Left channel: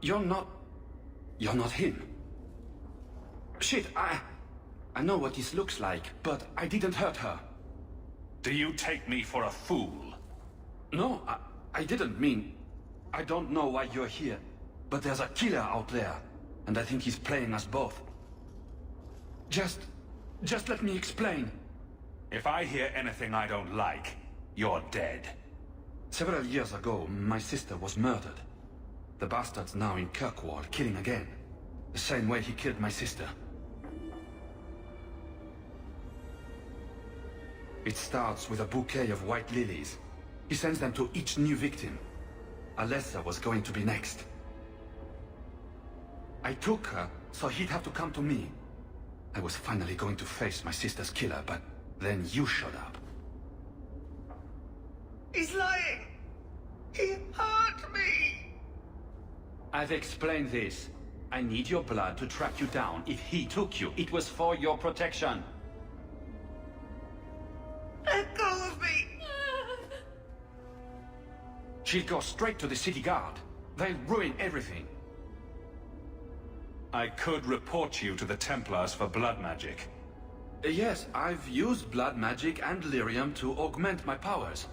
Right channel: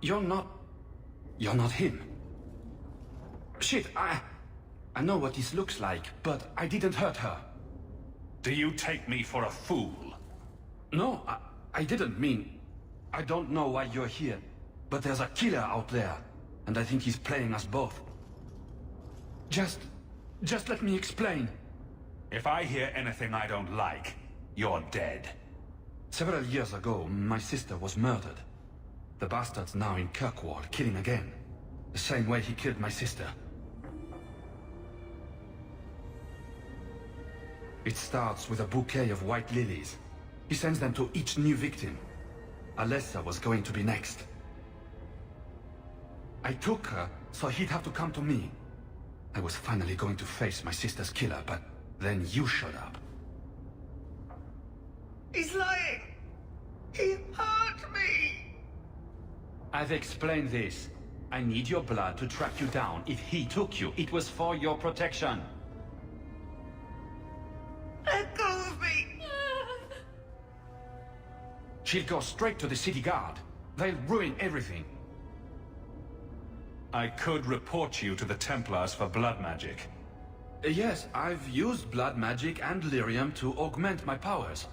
You're not... You're not him. Shit, I know what this looks like, but I didn't hurt her. Do you take me for a fool? No, I didn't mean... I don't know why you're here, but there's a killer out there, and I think he's playing us both. Just let me explain. If I hear anything I don't like, you're dead. Several years ago, my sister was murdered. The bastard's now in Kirkwall, killing again. The same way he killed my sister. It starts with a bouquet of white lilies. He sends them to each new victim. Alessa was going to be next. I took her, so he'd have to come to me. I was finally going to face my sister's killer, but then you showed up. He's lying! He hurt me! I've explained this. I need your blood to track you down. If he took you, it was for your protection. Let go of me! She'll go straight to the city guard. They'll ruin everything. I could report you to the Templars for blood magic. Yes, I've used blood magic and lyrium to augment my powers.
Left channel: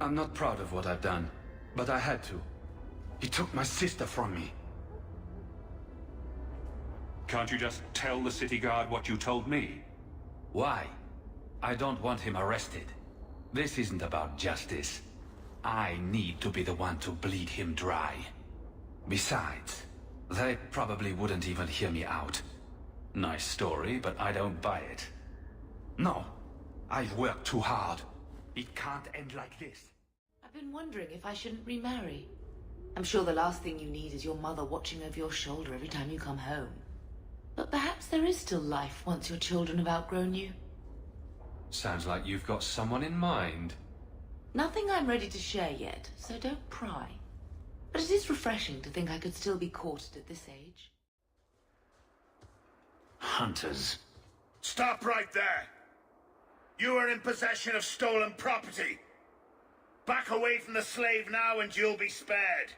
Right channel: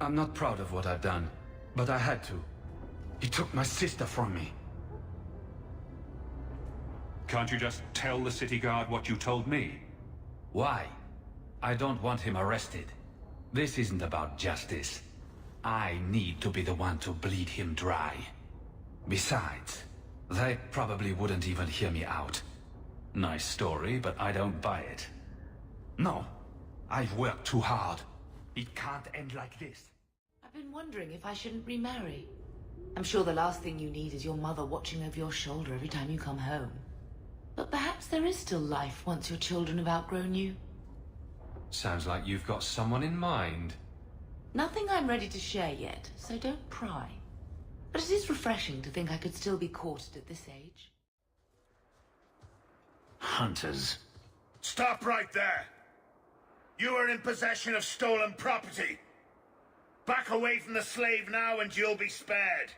I'm not proud of what I've done, but I had to. He took my sister from me. Can't you just tell the city guard what you told me? Why? I don't want him arrested. This isn't about justice. I need to be the one to bleed him dry. Besides, they probably wouldn't even hear me out. Nice story, but I don't buy it. No, I've worked too hard. It can't end like this. I've been wondering if I shouldn't remarry. I'm sure the last thing you need is your mother watching over your shoulder every time you come home. But perhaps there is still life once your children have outgrown you. Sounds like you've got someone in mind. Nothing I'm ready to share yet, so don't pry. But it is refreshing to think I could still be courted at this age. Hunters. Stop right there! You are in possession of stolen property. Back away from the slave now and you'll be spared.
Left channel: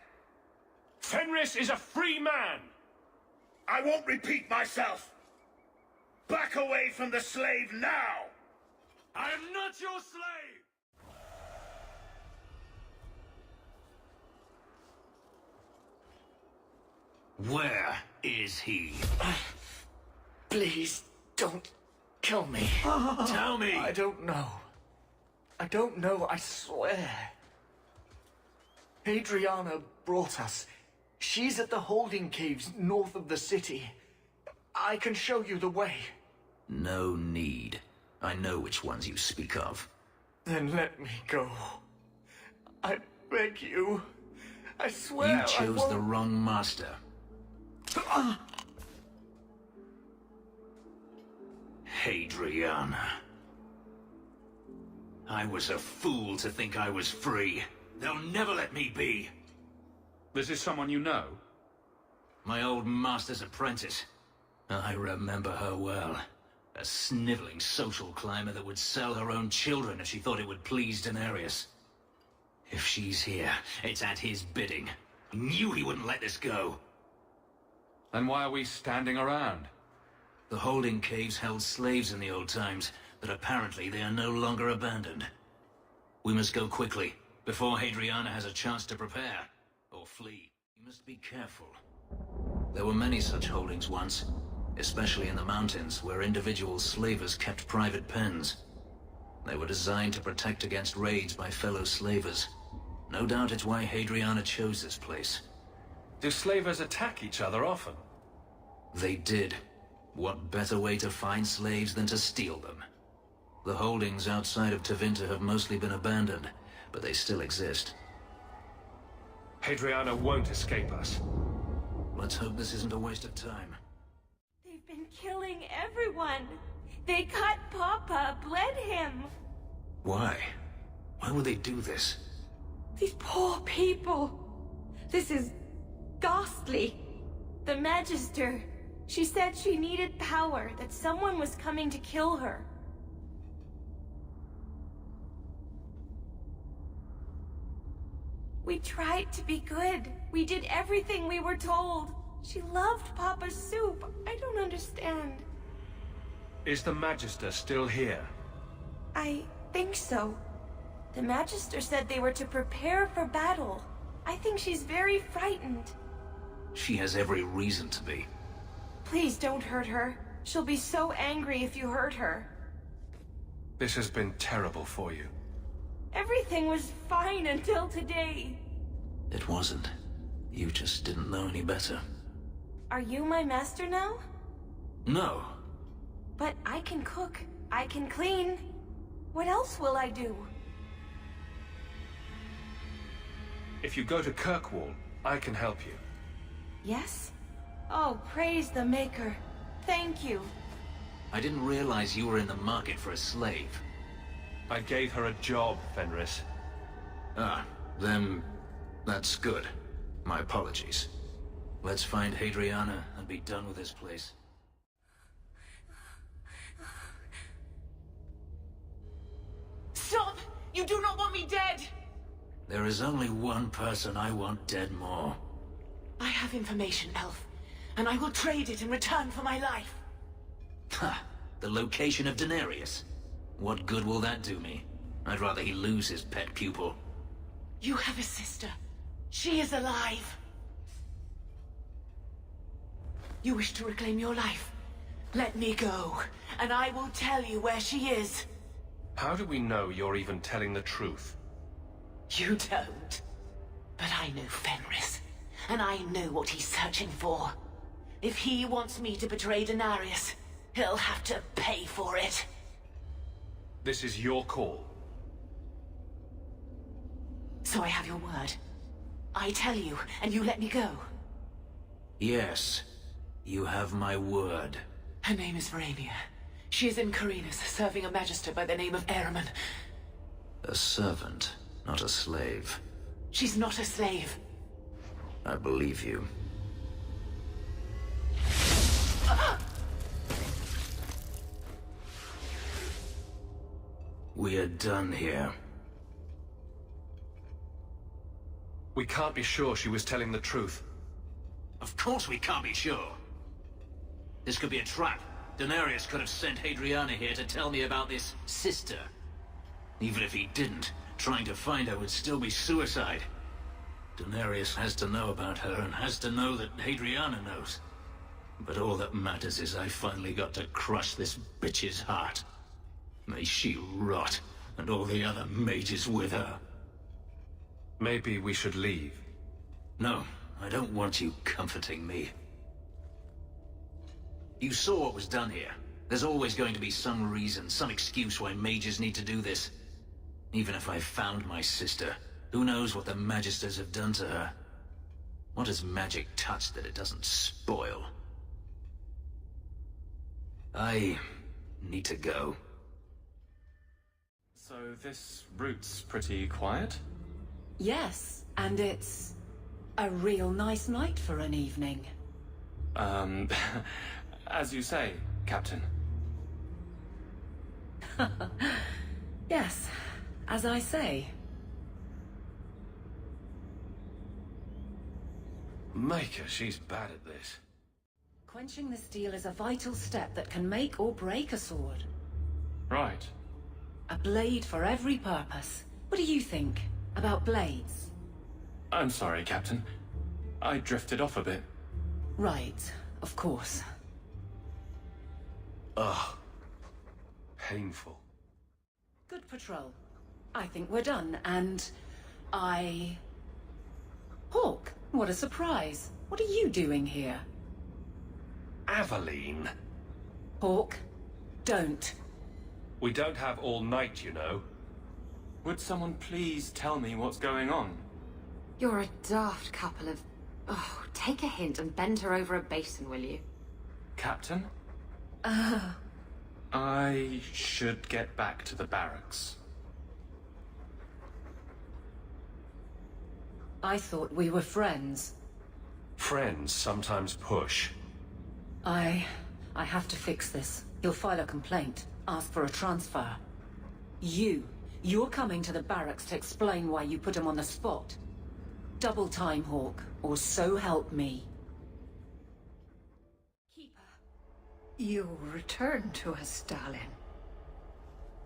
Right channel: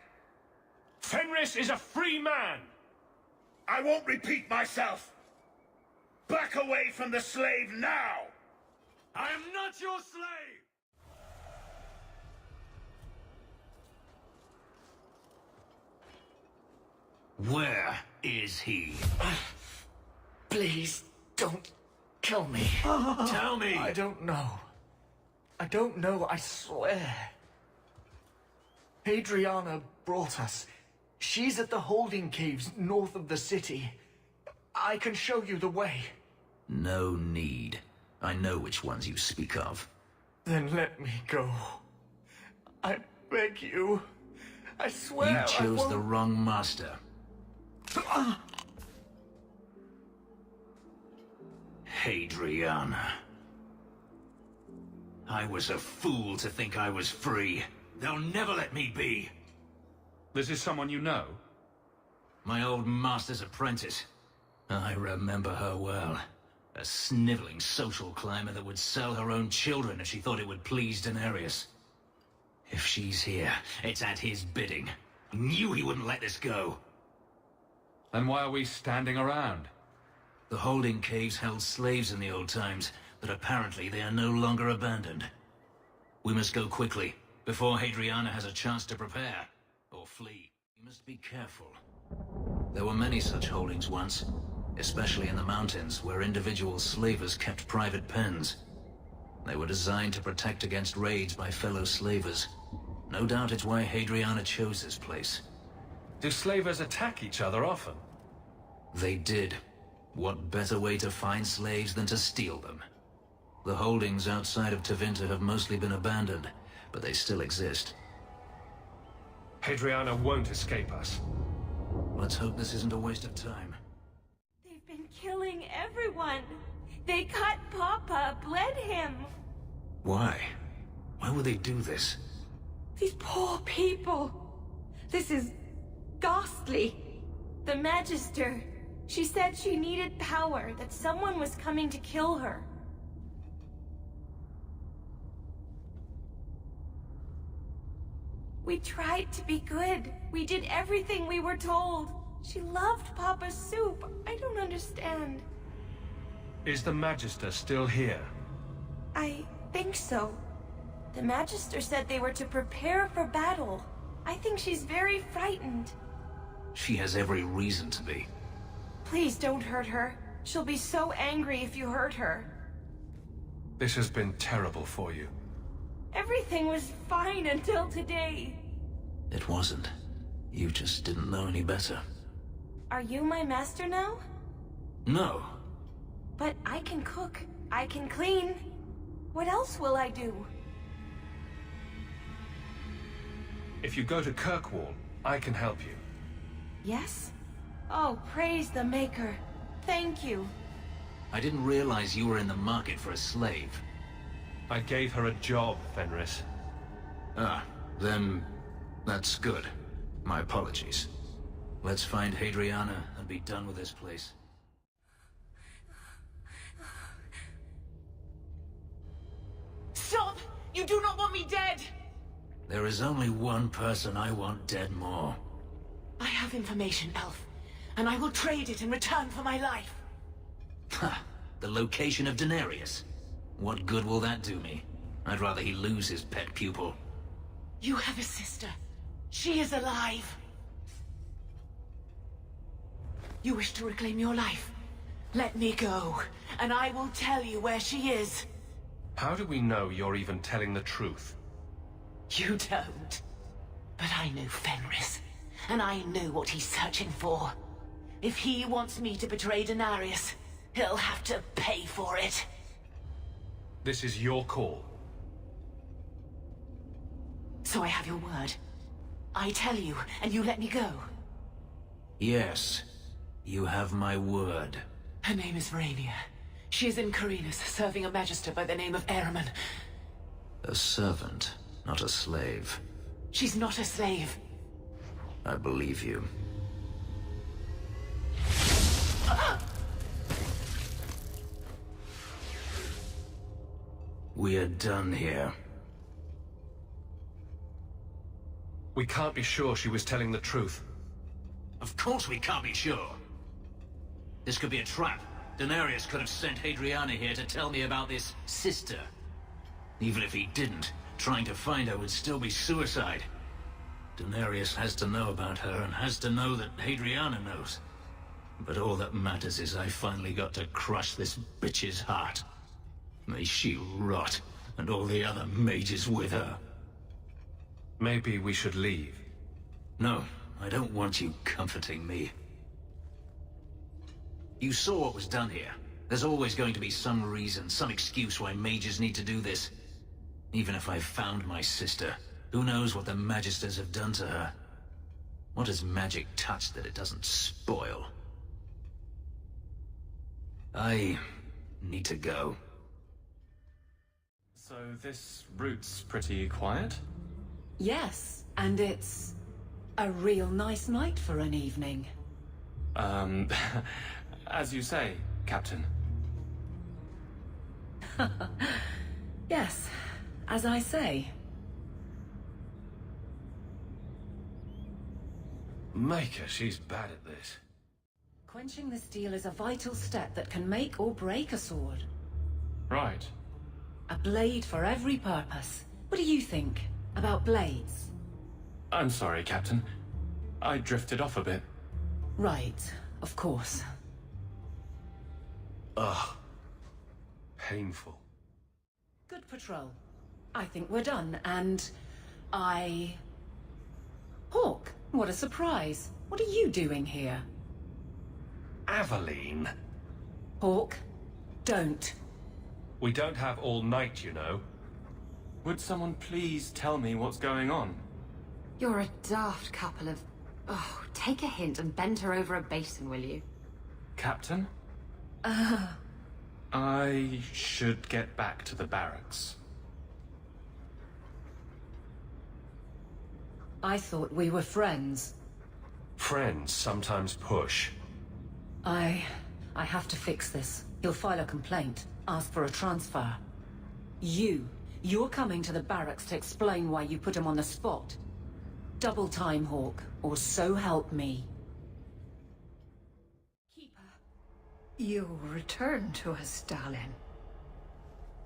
Fenris is a free man! I won't repeat myself. Back away from the slave now! I am not your slave! Where is he? Please, don't kill me. Tell me! I don't know. I don't know, I swear. Adriana brought us. She's at the holding caves north of the city. I can show you the way. No need. I know which ones you speak of. Then let me go. I beg you. I swear You chose the wrong master. Hadriana. I was a fool to think I was free. They'll never let me be. This is someone you know? My old master's apprentice. I remember her well. A sniveling social climber that would sell her own children if she thought it would please Daenerys. If she's here, it's at his bidding. He knew he wouldn't let this go. Then why are we standing around? The holding caves held slaves in the old times, but apparently they are no longer abandoned. We must go quickly, before Hadriana has a chance to prepare, or flee. We must be careful. There were many such holdings once, especially in the mountains, where individual slavers kept private pens. They were designed to protect against raids by fellow slavers. No doubt it's why Hadriana chose this place. Do slavers attack each other often? They did. What better way to find slaves than to steal them? The holdings outside of Tevinter have mostly been abandoned, but they still exist. Hadriana won't escape us. Let's hope this isn't a waste of time. They've been killing everyone. They cut Papa, bled him. Why? Why would they do this? These poor people. This is ghastly. The Magister, she said she needed power, that someone was coming to kill her. We tried to be good. We did everything we were told. She loved Papa's soup. I don't understand. Is the Magister still here? I think so. The Magister said they were to prepare for battle. I think she's very frightened. She has every reason to be. Please don't hurt her. She'll be so angry if you hurt her. This has been terrible for you. Everything was fine until today. It wasn't. You just didn't know any better. Are you my master now? No. But I can cook. I can clean. What else will I do? If you go to Kirkwall, I can help you. Yes? Oh, praise the Maker. Thank you. I didn't realize you were in the market for a slave. I gave her a job, Fenris. Ah, then that's good. My apologies. Let's find Hadriana and be done with this place. Stop! You do not want me dead! There is only one person I want dead more. I have information, Elf, and I will trade it in return for my life. Ha! The location of Daenerys. What good will that do me? I'd rather he lose his pet pupil. You have a sister. She is alive. You wish to reclaim your life? Let me go, and I will tell you where she is. How do we know you're even telling the truth? You don't. But I know Fenris, and I know what he's searching for. If he wants me to betray Daenerys, he'll have to pay for it. This is your call. So I have your word. I tell you, and you let me go. Yes, you have my word. Her name is Verania. She is in Carinus, serving a magister by the name of Ehrman. A servant, not a slave. She's not a slave. I believe you. We are done here. We can't be sure she was telling the truth. Of course we can't be sure. This could be a trap. Daenerys could have sent Hadriana here to tell me about this sister. Even if he didn't, trying to find her would still be suicide. Daenerys has to know about her and has to know that Hadriana knows. But all that matters is I finally got to crush this bitch's heart. May she rot, and all the other mages with her. Maybe we should leave. No, I don't want you comforting me. You saw what was done here. There's always going to be some reason, some excuse why mages need to do this. Even if I found my sister, who knows what the Magisters have done to her? What has magic touched that it doesn't spoil? I need to go. So this route's pretty quiet? Yes, and it's a real nice night for an evening. As you say, Captain. Yes, as I say. Maker, she's bad at this. Quenching the steel is a vital step that can make or break a sword. Right. A blade for every purpose. What do you think about blades? I'm sorry, Captain. I drifted off a bit. Right, of course. Ugh. Painful. Good patrol. I think we're done, and Hawk, what a surprise. What are you doing here? Aveline. Hawk, don't. We don't have all night, you know. Would someone please tell me what's going on? You're a daft couple of... Oh, take a hint and bend her over a basin, will you? Captain? I should get back to the barracks. I thought we were friends. Friends sometimes push. I have to fix this. He'll file a complaint, ask for a transfer. You're coming to the barracks to explain why you put him on the spot. Double time, Hawk, or so help me. Keeper. You return to us, Stalin.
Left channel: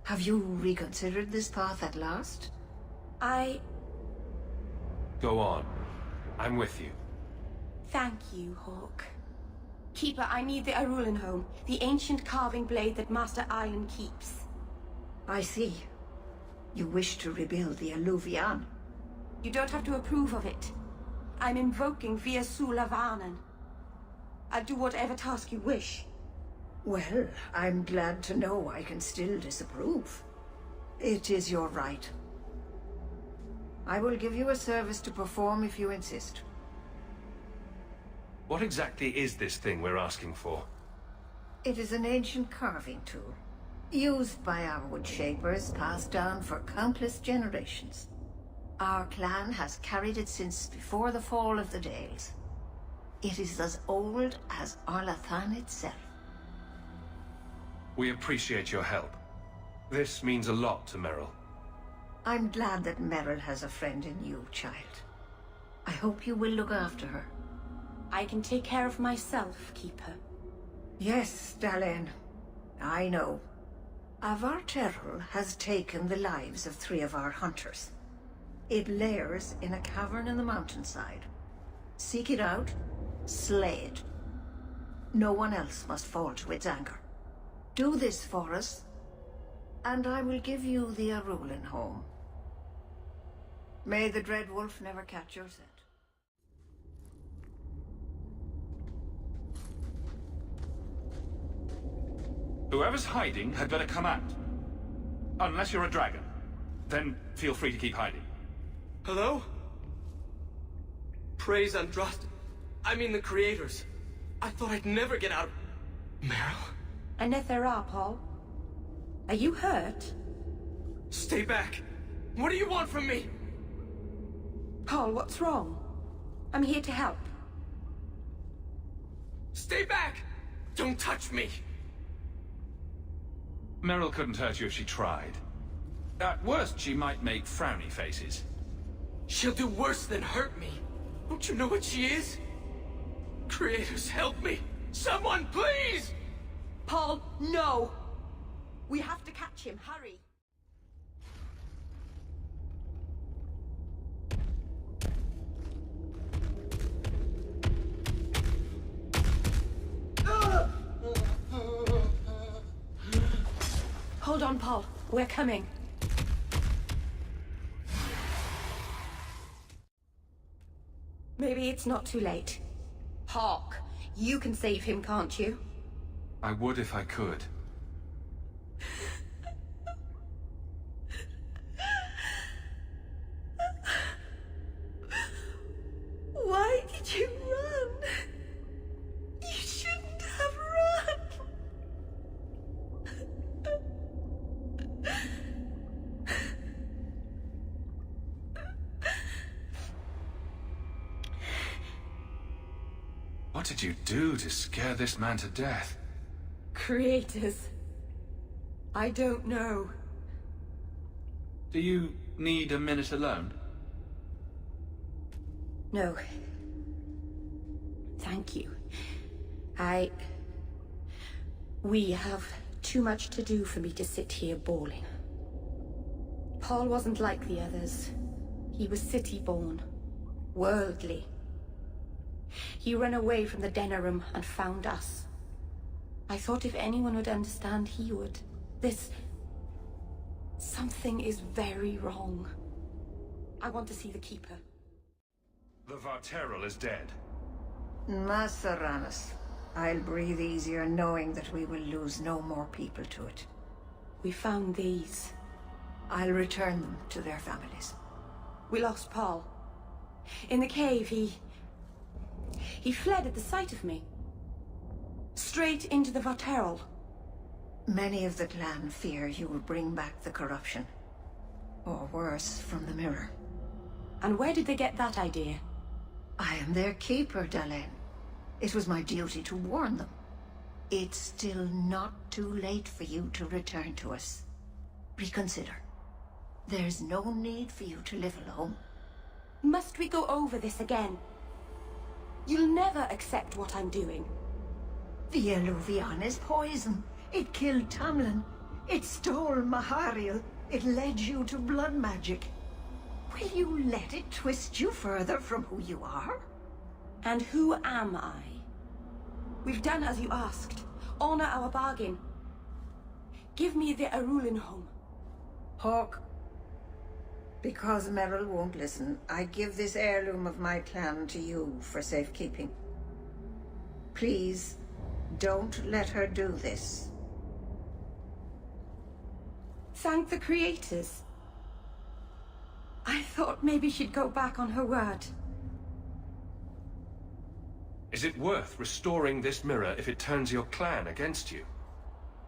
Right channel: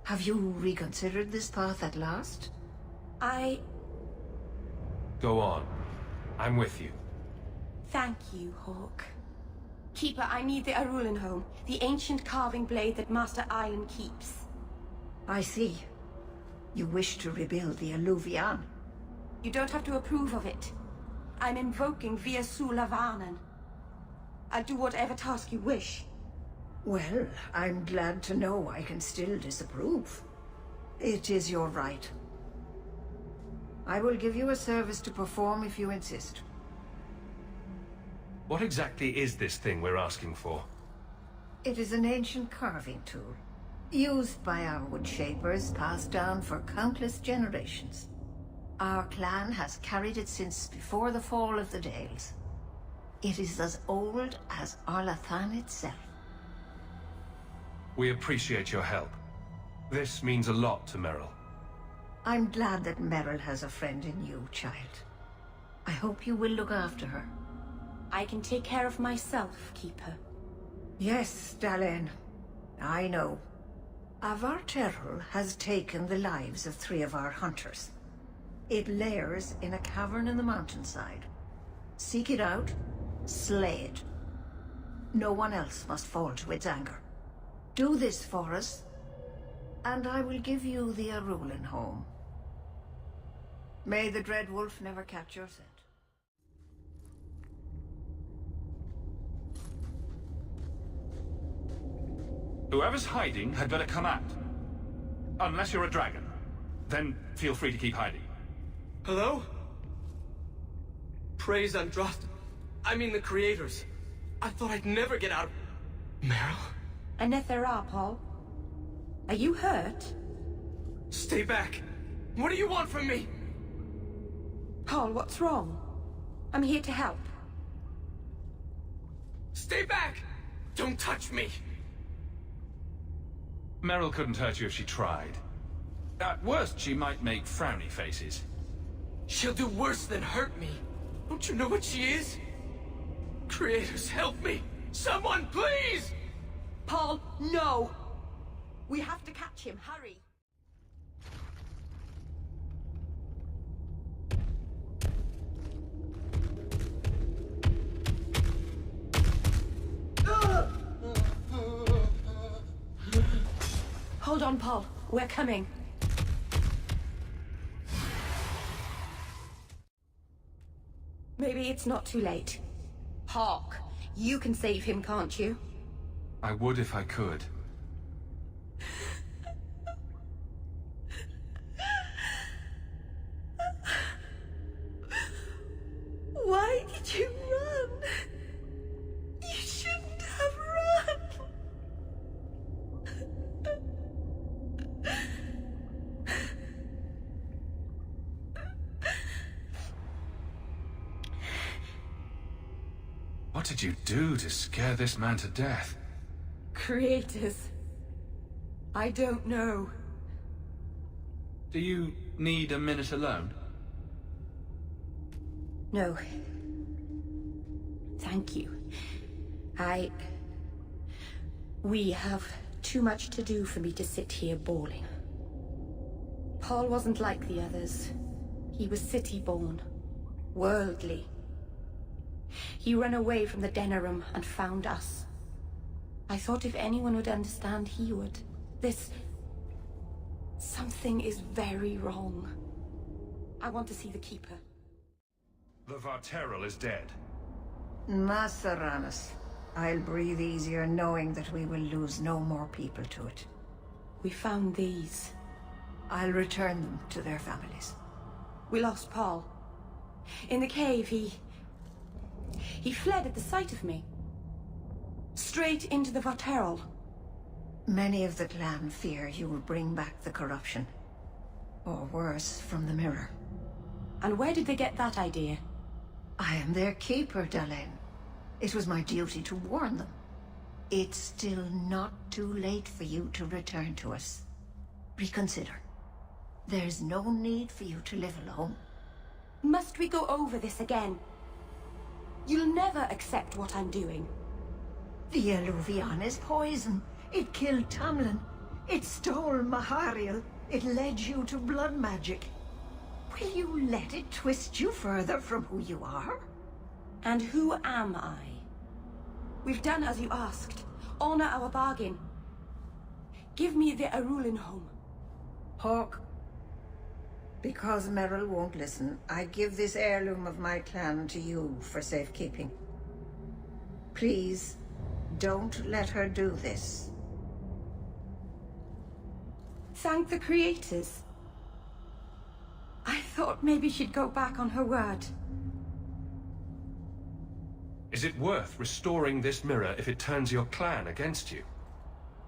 Have you reconsidered this path at last? Go on. I'm with you. Thank you, Hawk. Keeper, I need the Arulan home, the ancient carving blade that Master Island keeps. I see. You wish to rebuild the Alluvian. You don't have to approve of it. I'm invoking Via Sulavanen. I'll do whatever task you wish. Well, I'm glad to know I can still disapprove. It is your right. I will give you a service to perform if you insist. What exactly is this thing we're asking for? It is an ancient carving tool, used by our wood shapers, passed down for countless generations. Our clan has carried it since before the fall of the Dales. It is as old as Arlathan itself. We appreciate your help. This means a lot to Merrill. I'm glad that Merrill has a friend in you, child. I hope you will look after her. I can take care of myself, Keeper. Yes, Dalen. I know. Avarterul has taken the lives of 3 of our hunters. It lairs in a cavern in the mountainside. Seek it out, slay it. No one else must fall to its anger. Do this for us, and I will give you the Arulan home. May the Dread Wolf never catch your scent. Whoever's hiding had better come out. Unless you're a dragon. Then feel free to keep hiding. Hello? Praise Andraste. I mean the creators. I thought I'd never get out of... Merrill? Anethera, Paul. Are you hurt? Stay back. What do you want from me? Paul, what's wrong? I'm here to help. Stay back! Don't touch me! Merrill couldn't hurt you if she tried. At worst, she might make frowny faces. She'll do worse than hurt me. Don't you know what she is? Creators, help me! Someone, please! Paul, no! We have to catch him, hurry! Hold on, Paul. We're coming. Maybe it's not too late. Hawk, you can save him, can't you? I would if I could. Why did you run? You shouldn't have run. What did you do to scare this man to death? Creators. I don't know. Do you need a minute alone? No. Thank you. We have too much to do for me to sit here bawling. Paul wasn't like the others. He was city-born. Worldly. He ran away from the Denerim and found us. I thought if anyone would understand, he would. Something is very wrong. I want to see the Keeper. The Varterul is dead. Masaranas. I'll breathe easier knowing that we will lose no more people to it. We found these. I'll return them to their families. We lost Paul. In the cave, he fled at the sight of me. Straight into the Varterul. Many of the clan fear you will bring back the corruption. Or worse, from the mirror. And where did they get that idea? I am their keeper, Dalen. It was my duty to warn them. It's still not too late for you to return to us. Reconsider. There's no need for you to live alone. Must we go over this again? You'll never accept what I'm doing. The Eluvian is poison. It killed Tamlin. It stole Mahariel. It led you to blood magic. Will you let it twist you further from who you are? And who am I? We've done as you asked. Honor our bargain. Give me the Arulin home. Hawke, because Merrill won't listen, I give this heirloom of my clan to you for safekeeping. Please, don't let her do this. Thank the creators. I thought maybe she'd go back on her word. Is it worth restoring this mirror if it turns your clan against you?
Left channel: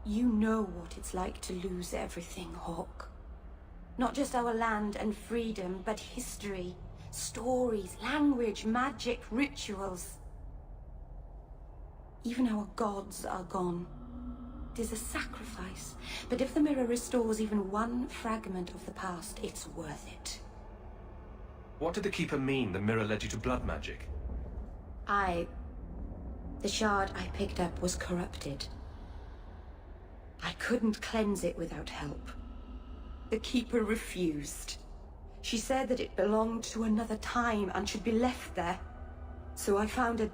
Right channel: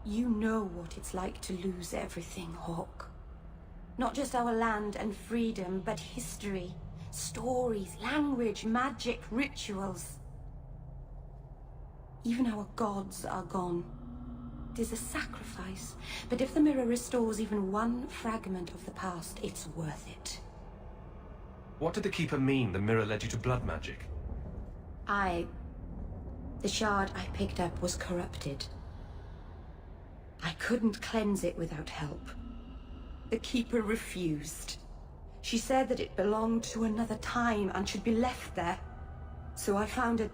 You know what it's like to lose everything, Hawke. Not just our land and freedom, but history, stories, language, magic, rituals. Even our gods are gone. It is a sacrifice, but if the mirror restores even one fragment of the past, it's worth it. What did the Keeper mean the mirror led you to blood magic? The shard I picked up was corrupted. I couldn't cleanse it without help. The Keeper refused. She said that it belonged to another time and should be left there. So I found a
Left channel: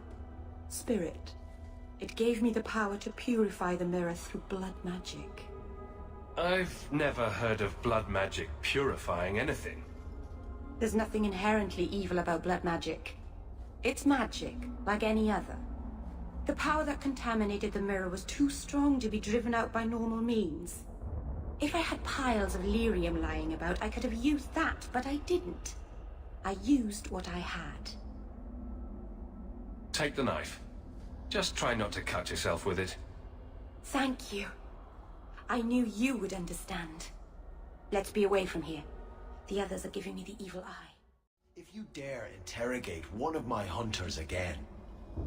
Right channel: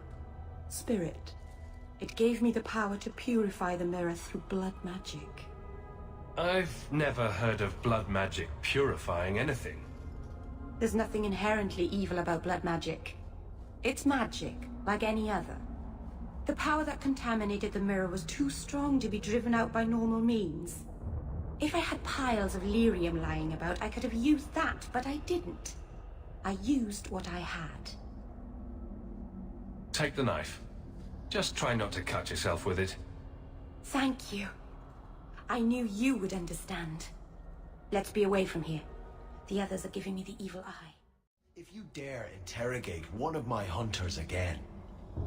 spirit. It gave me the power to purify the mirror through blood magic. I've never heard of blood magic purifying anything. There's nothing inherently evil about blood magic. It's magic, like any other. The power that contaminated the mirror was too strong to be driven out by normal means. If I had piles of lyrium lying about, I could have used that, but I didn't. I used what I had. Take the knife. Just try not to cut yourself with it. Thank you. I knew you would understand. Let's be away from here. The others are giving me the evil eye. If you dare interrogate one of my hunters again...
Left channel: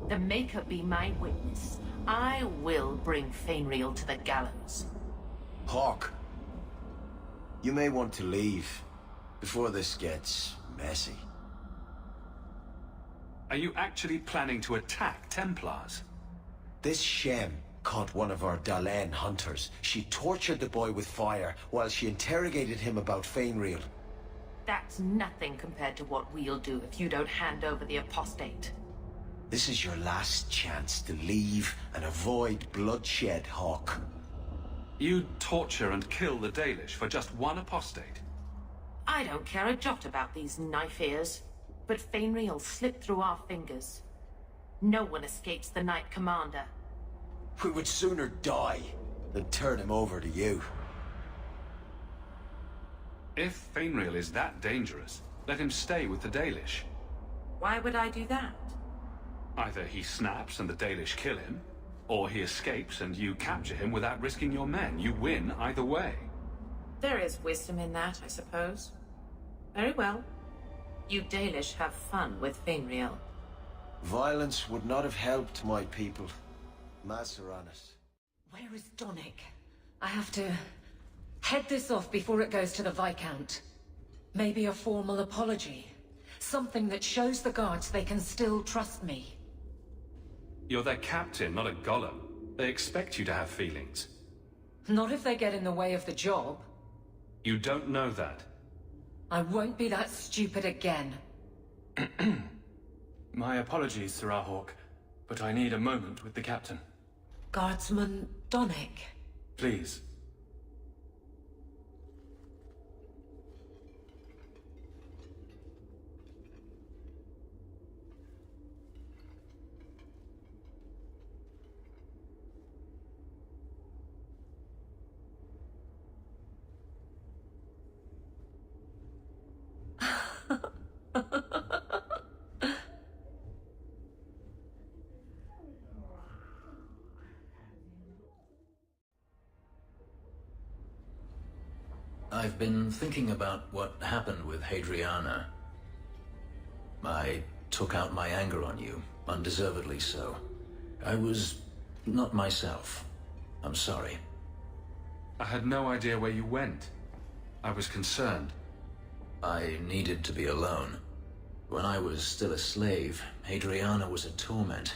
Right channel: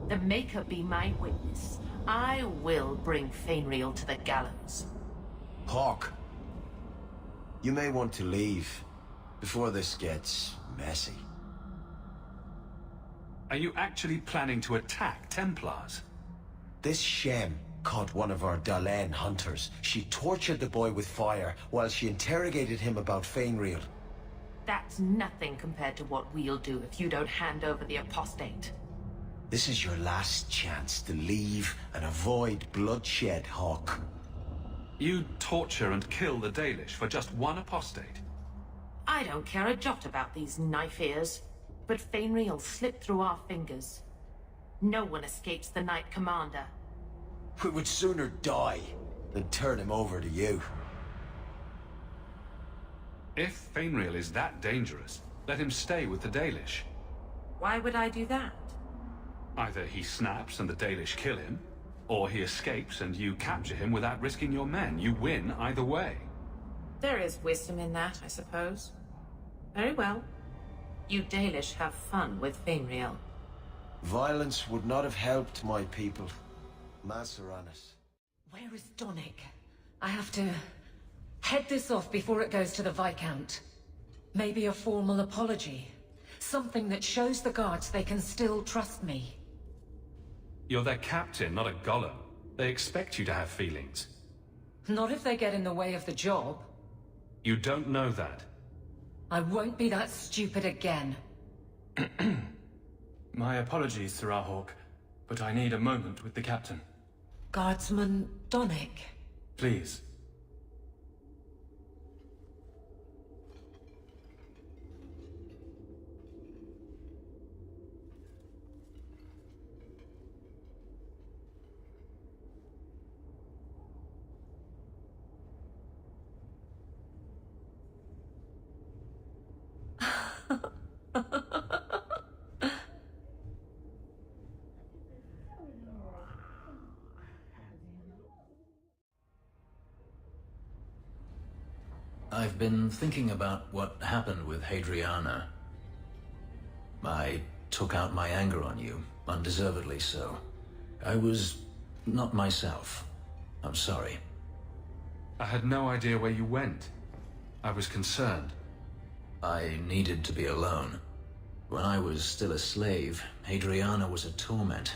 The Maker be my witness. I will bring Fainriel to the gallows. Hawke, you may want to leave before this gets messy. Are you actually planning to attack Templars? This Shem caught one of our Dalen hunters. She tortured the boy with fire while she interrogated him about Fainriel. That's nothing compared to what we'll do if you don't hand over the apostate. This is your last chance to leave and avoid bloodshed, Hawke. You'd torture and kill the Dalish for just one apostate? I don't care a jot about these knife ears, but Fainriel slipped through our fingers. No one escapes the Knight Commander. We would sooner die than turn him over to you. If Fainriel is that dangerous, let him stay with the Dalish. Why would I do that? Either he snaps and the Dalish kill him, or he escapes and you capture him without risking your men. You win either way. There is wisdom in that, I suppose. Very well. You Dalish have fun with Fainriel. Violence would not have helped my people. Maseranis. Where is Donnic? I have to head this off before it goes to the Viscount. Maybe a formal apology. Something that shows the guards they can still trust me. You're their captain, not a golem. They expect you to have feelings. Not if they get in the way of the job. You don't know that. I won't be that stupid again. My apologies, Serah Hawke, but I need a moment with the captain. Guardsman Donnic. Please. I've been thinking about what happened with Hadriana. I took out my anger on you, undeservedly so. I was not myself. I'm sorry. I had no idea where you went. I was concerned. I needed to be alone. When I was still a slave, Adriana was a torment.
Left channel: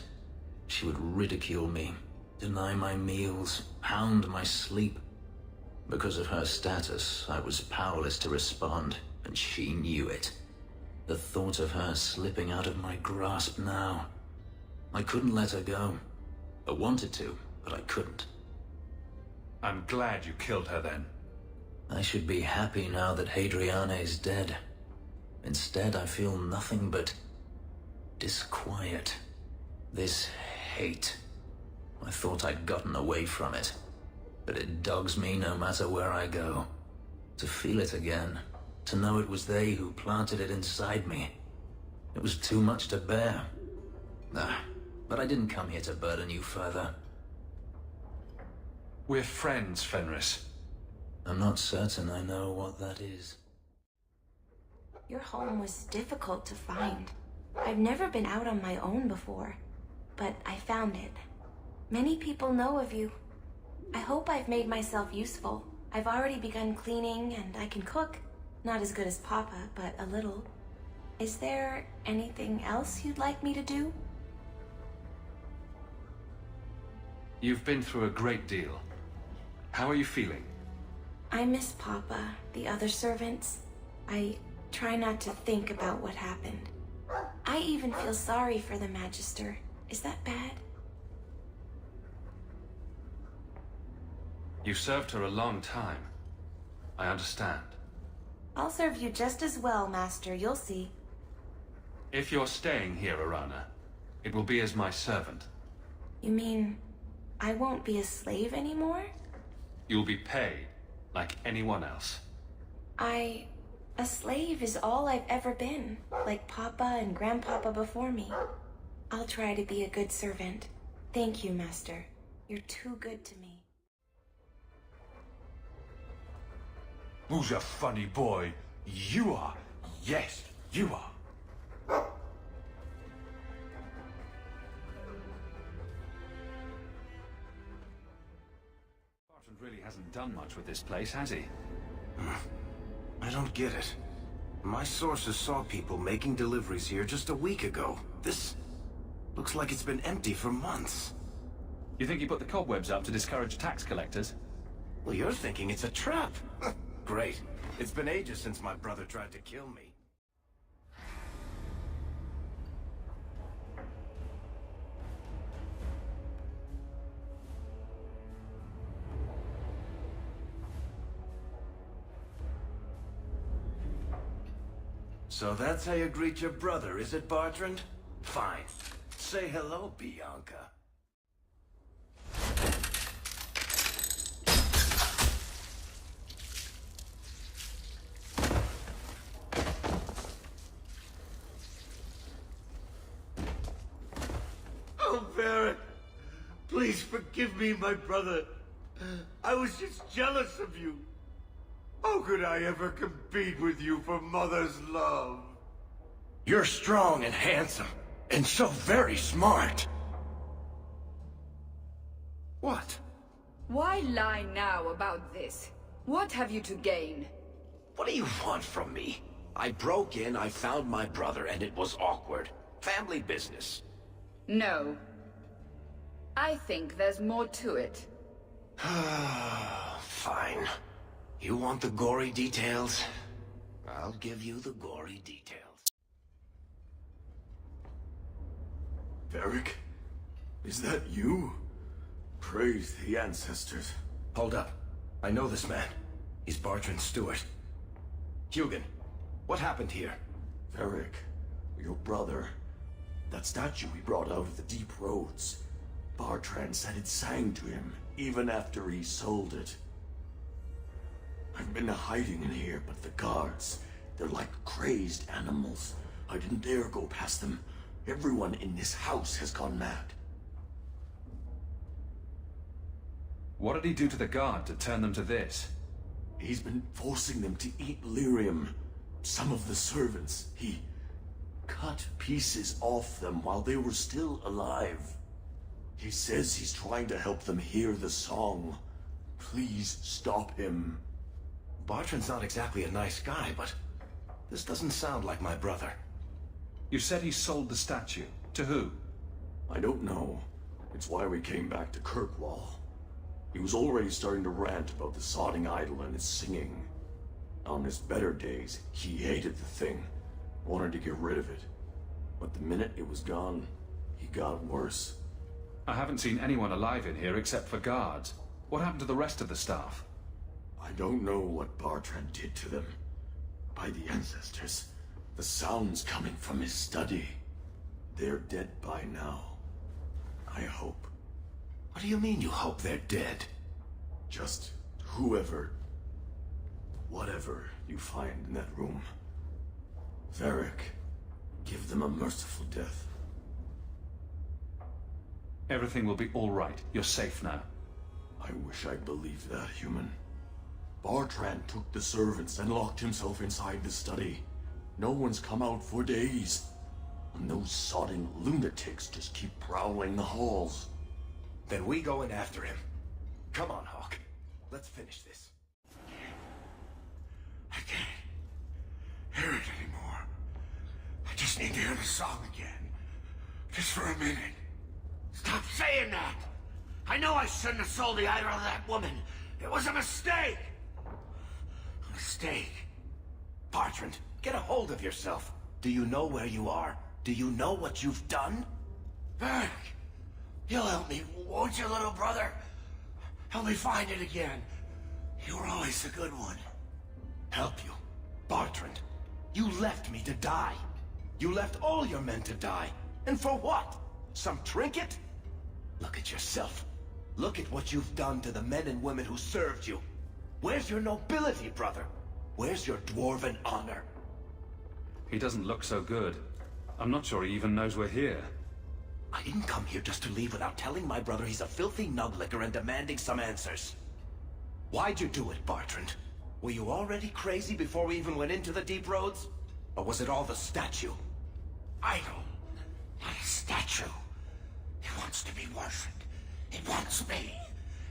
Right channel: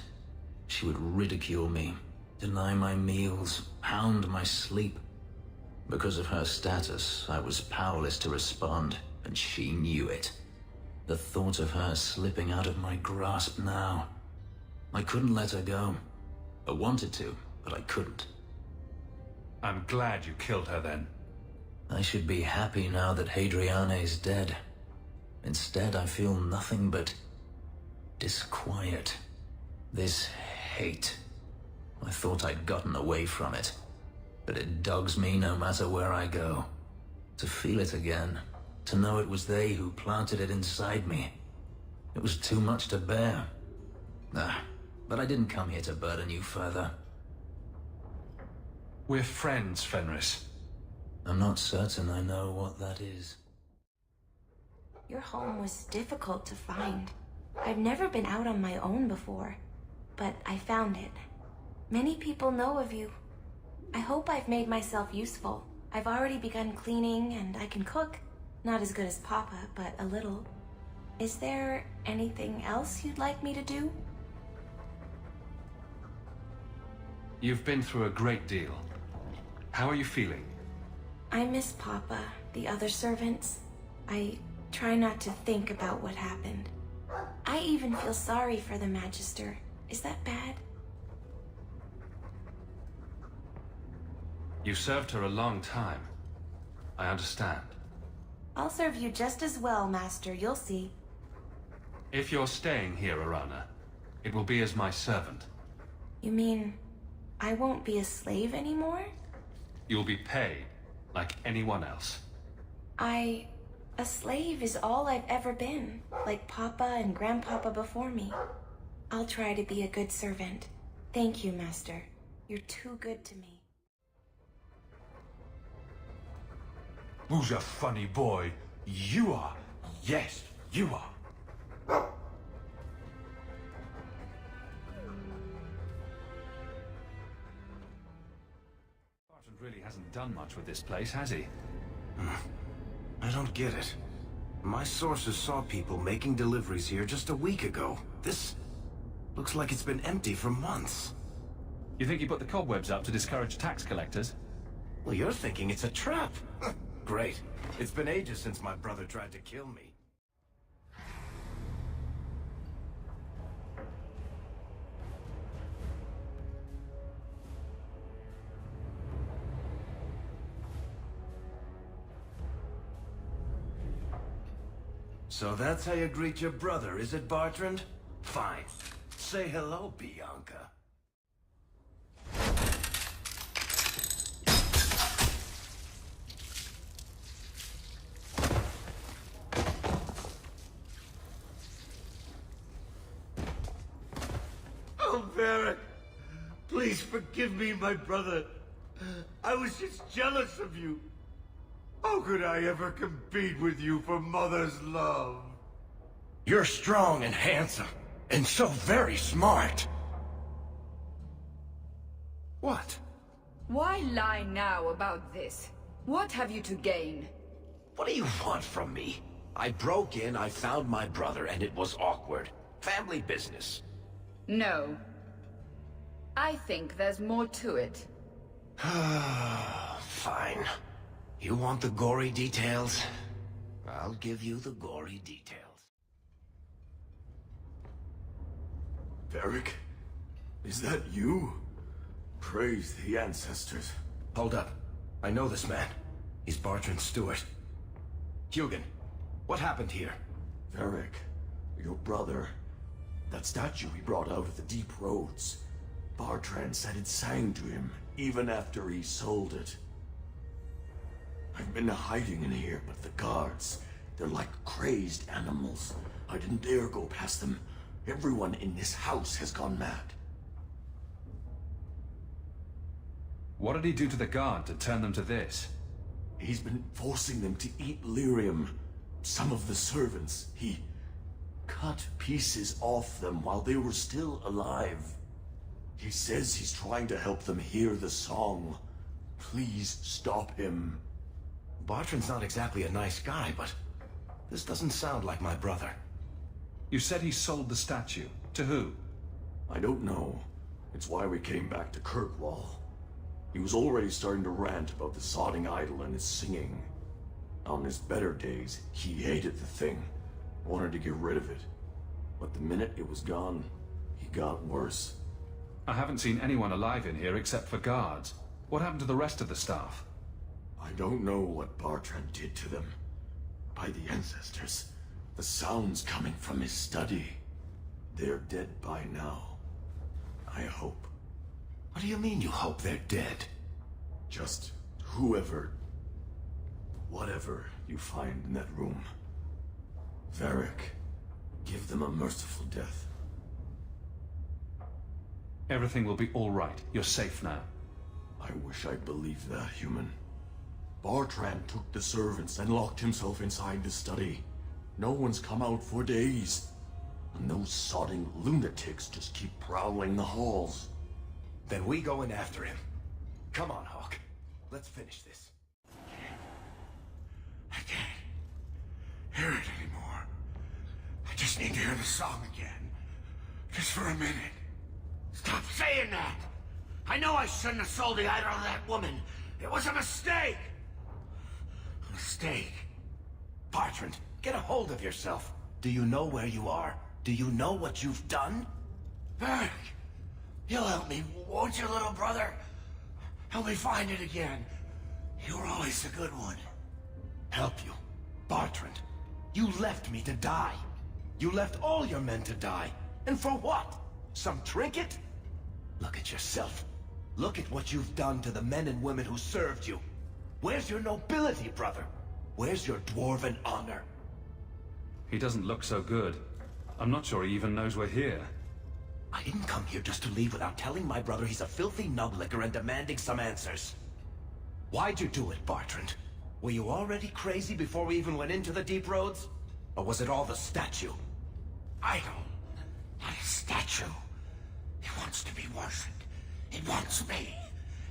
She would ridicule me, deny my meals, hound my sleep. Because of her status, I was powerless to respond, and she knew it. The thought of her slipping out of my grasp now. I couldn't let her go. I wanted to, but I couldn't. I'm glad you killed her then. I should be happy now that Hadriana is dead. Instead, I feel nothing but disquiet. This hate. I thought I'd gotten away from it, but it dogs me no matter where I go. To feel it again, to know it was they who planted it inside me. It was too much to bear. But I didn't come here to burden you further. We're friends, Fenris. I'm not certain I know what that is. Your home was difficult to find. I've never been out on my own before, but I found it. Many people know of you. I hope I've made myself useful. I've already begun cleaning and I can cook. Not as good as Papa, but a little. Is there anything else you'd like me to do? You've been through a great deal. How are you feeling? I miss Papa, the other servants. I try not to think about what happened. I even feel sorry for the Magister. Is that bad? You served her a long time. I understand. I'll serve you just as well, Master. You'll see. If you're staying here, Arana, it will be as my servant. You mean I won't be a slave anymore? You'll be paid, like anyone else. A slave is all I've ever been, like Papa and Grandpapa before me. I'll try to be a good servant. Thank you, Master. You're too good to me. Who's a funny boy? You are. Yes, you are. Bartrand really hasn't done much with this place, has he? I don't get it. My sources saw people making deliveries here just a week ago. This looks like it's been empty for months. You think he put the cobwebs up to discourage tax collectors? Well, you're thinking it's a trap. Great. It's been ages since my brother tried to kill me. So that's how you greet your brother, is it, Bartrand? Fine. Say hello, Bianca. Oh, Varric! Please forgive me, my brother. I was just jealous of you. How could I ever compete with you for Mother's love? You're strong and handsome, and so very smart. What? Why lie now about this? What have you to gain? What do you want from me? I broke in, I found my brother, and it was awkward. Family business. No. I think there's more to it. Fine. You want the gory details? I'll give you the gory details. Varric? Is that you? Praise the ancestors. Hold up. I know this man. He's Bartrand Stewart. Hugin, what happened here? Varric, your brother. That statue he brought out of the deep roads. Bartrand said it sang to him, even after he sold it. I've been hiding in here, but the guards, they're like crazed animals. I didn't dare go past them. Everyone in this house has gone mad. What did he do to the guard to turn them to this? He's been forcing them to eat lyrium. Some of the servants, he cut pieces off them while they were still alive. He says he's trying to help them hear the song. Please stop him. Bartrand's not exactly a nice guy, but this doesn't sound like my brother. You said he sold the statue. To who? I don't know. It's why we came back to Kirkwall. He was already starting to rant about the sodding idol and its singing. On his better days, he hated the thing, wanted to get rid of it. But the minute it was gone, he got worse. I haven't seen anyone alive in here except for guards. What happened to the rest of the staff? I don't know what Bartrand did to them. By the ancestors, the sounds coming from his study. They're dead by now. I hope. What do you mean you hope they're dead? Just whoever, whatever you find in that room. Varric, give them a merciful death. Everything will be all right. You're safe now. I wish I believed that, human. Bartrand took the servants and locked himself inside the study. No one's come out for days. And those sodding lunatics just keep prowling the halls. Then we go in after him. Come on, Hawk. Let's finish this. I can't hear it anymore. I just need to hear the song again. Just for a minute. Stop saying that! I know I shouldn't have sold the idol to that woman. It was a mistake! A mistake. Bartrand, get a hold of yourself. Do you know where you are? Do you know what you've done? Varric, you'll help me, won't you, little brother? Help me find it again. You were always a good one. Help you? Bartrand, you left me to die. You left all your men to die. And for what? Some trinket? Look at yourself. Look at what you've done to the men and women who served you. Where's your nobility, brother? Where's your dwarven honor? He doesn't look so good. I'm not sure he even knows we're here. I didn't come here just to leave without telling my brother he's a filthy nuglicker and demanding some answers. Why'd you do it, Bartrand? Were you already crazy before we even went into the Deep Roads? Or was it all the statue? Idol, not a statue. It wants to be worshipped. It wants me.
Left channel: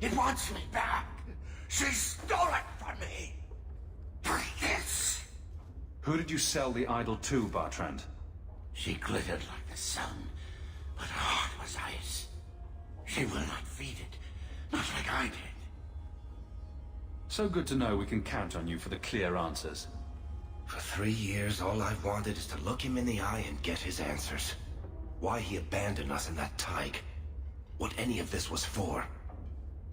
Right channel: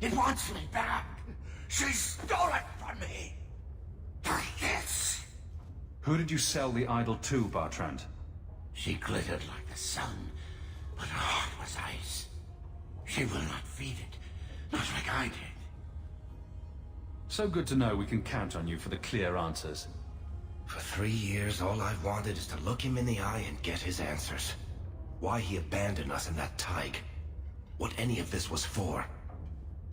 It wants me back. She stole it from me. For this. Who did you sell the idol to, Bartrand? She glittered like the sun, but her heart was ice. She will not feed it, not like I did. So good to know we can count on you for the clear answers. For 3 years, all I've wanted is to look him in the eye and get his answers. Why he abandoned us in that Tig. What any of this was for.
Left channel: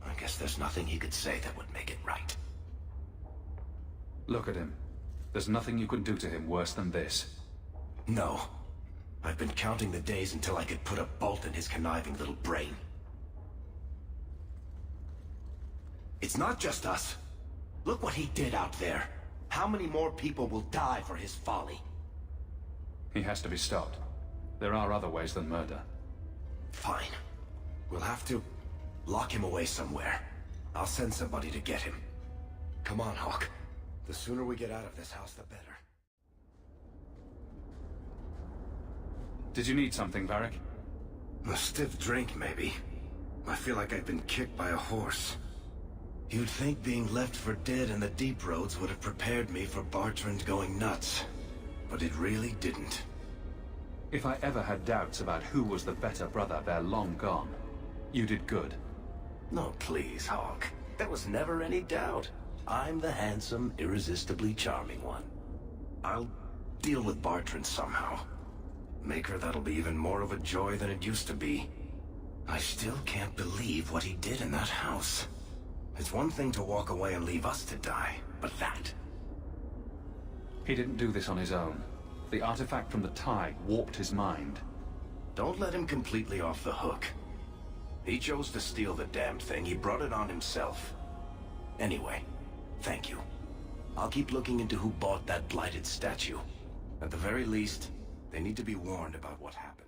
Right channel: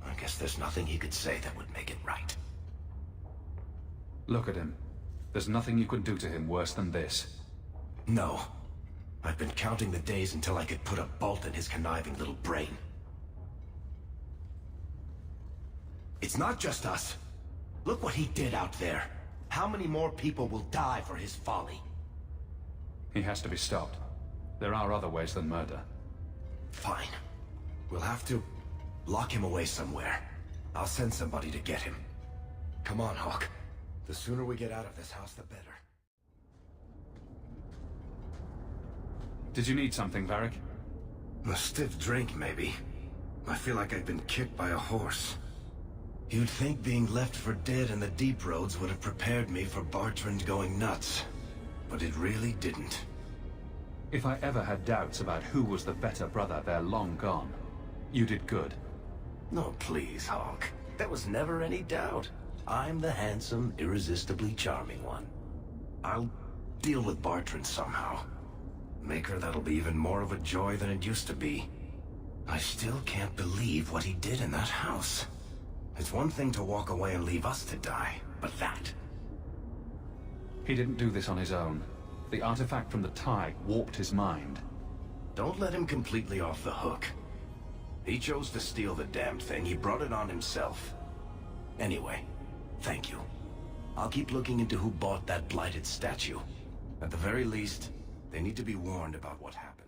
I guess there's nothing he could say that would make it right. Look at him. There's nothing you can do to him worse than this. No. I've been counting the days until I could put a bolt in his conniving little brain. It's not just us. Look what he did out there. How many more people will die for his folly? He has to be stopped. There are other ways than murder. Fine. We'll have to lock him away somewhere. I'll send somebody to get him. Come on, Hawk. The sooner we get out of this house, the better. Did you need something, Varric? A stiff drink, maybe. I feel like I've been kicked by a horse. You'd think being left for dead in the Deep Roads would have prepared me for Bartrand going nuts. But it really didn't. If I ever had doubts about who was the better brother, they're long gone. You did good. No, please, Hawk. There was never any doubt. I'm the handsome, irresistibly charming one. I'll deal with Bartrand somehow. Make her that'll be even more of a joy than it used to be. I still can't believe what he did in that house. It's one thing to walk away and leave us to die, but that... He didn't do this on his own. The artifact from the Tig warped his mind. Don't let him completely off the hook. He chose to steal the damned thing. He brought it on himself. Anyway, thank you. I'll keep looking into who bought that blighted statue. At the very least, they need to be warned about what happened.